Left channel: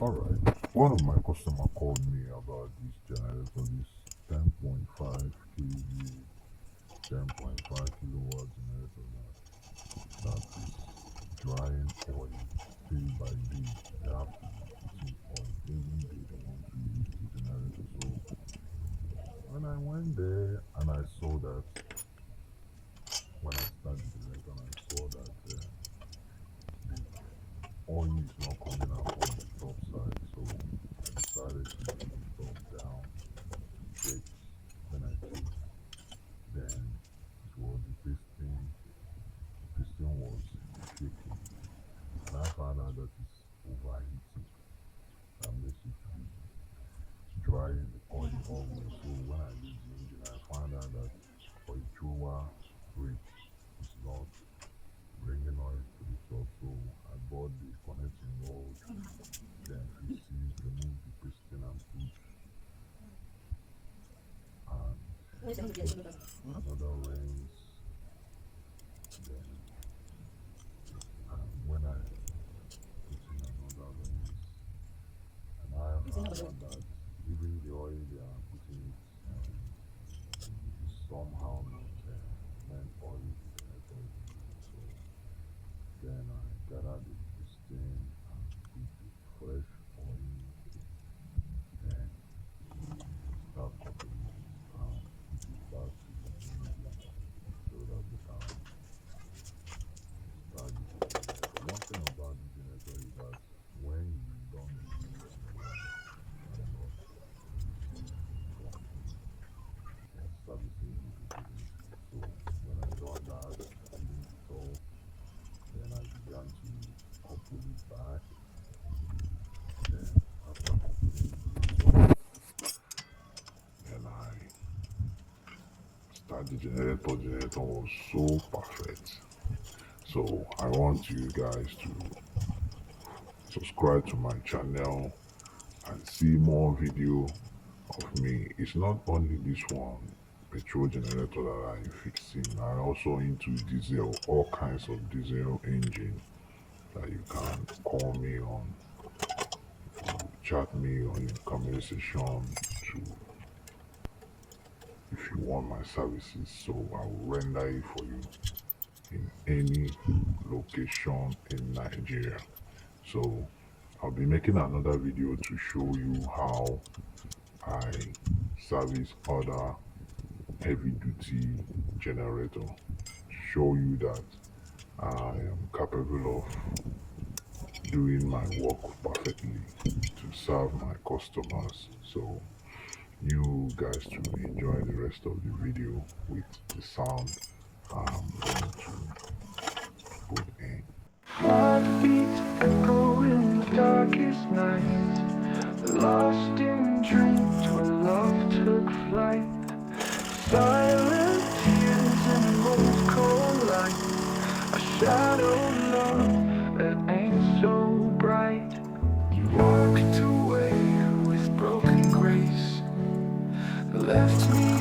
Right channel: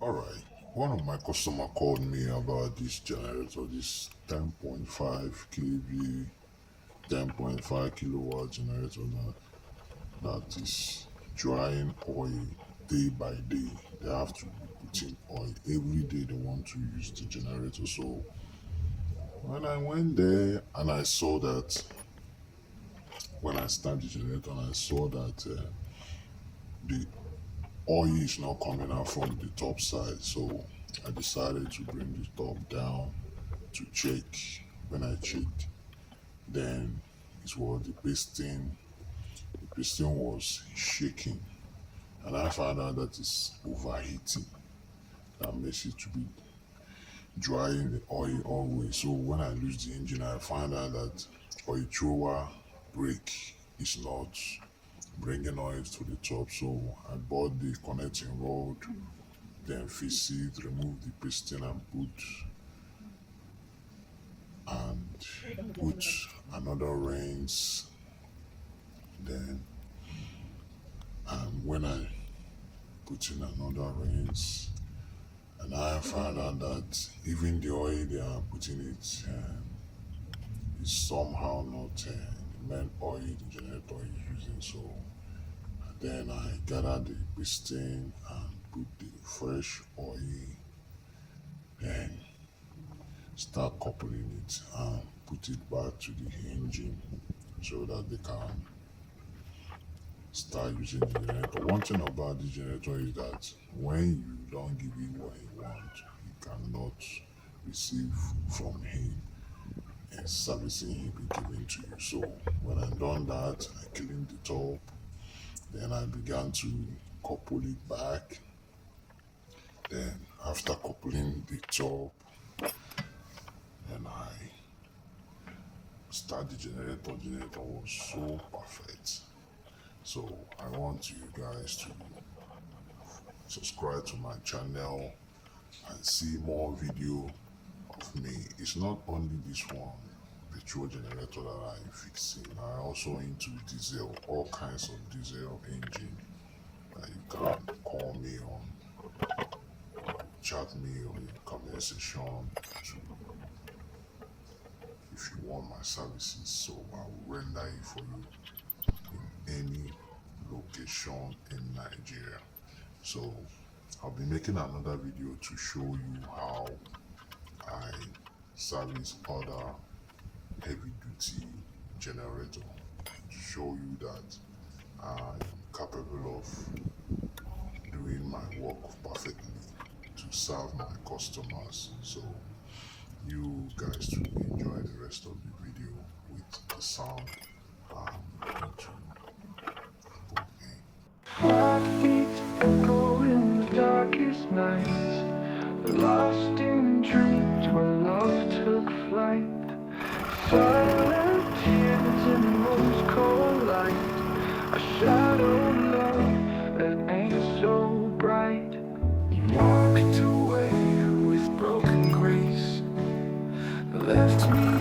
Alright, one of my customer called me about this generator, this 10.5 kVA, 10.5 kilowatt generator that is drying oil day by day. They have to put in oil every day they want to use the generator. So when I went there and I saw that, when I started the generator and I saw that the oil is not coming out from the top side, so I decided to bring the top down to check. When I checked, then it was the piston was shaking, and I found out that it's overheating. That makes it to be drying the oil always. So when I lose the engine, I find out that oil thrower brake is not bringing oil to the top. So I bought the connecting rod, then fix it, remove the piston, and put another rinse. Then when I put in another rinse, and I found out that even the oil they are putting it is somehow not the main oil the generator is using. So then I gathered the piston and put the fresh oil and start coupling it and put it back to the engine so that they can start using the generator. One thing about the generator is that when you don't give him what he wants, you cannot receive from him and servicing he be giving to you. So when I done that, I cleaned it up, then I began to couple it back. Then after coupling it up, then I start the generator. Generator was so perfect. So I want you guys to subscribe to my channel and see more video of me. It's not only this one petrol generator that I'm fixing. I also into diesel, all kinds of diesel engine that you can call me on, chat me on the comment section to if you want my services. So I will render it for you in any location in Nigeria. So I'll be making another video to show you how I service other heavy duty generator, to show you that I am capable of doing my work perfectly to serve my customers. So you guys to enjoy the rest of the video with the sound I'm going to put in. Heartbeats echo in the darkest nights, lost in dreams where love took flight. Silent tears in the most cold light, a shadow love that ain't so bright. You walked away with broken grace, left me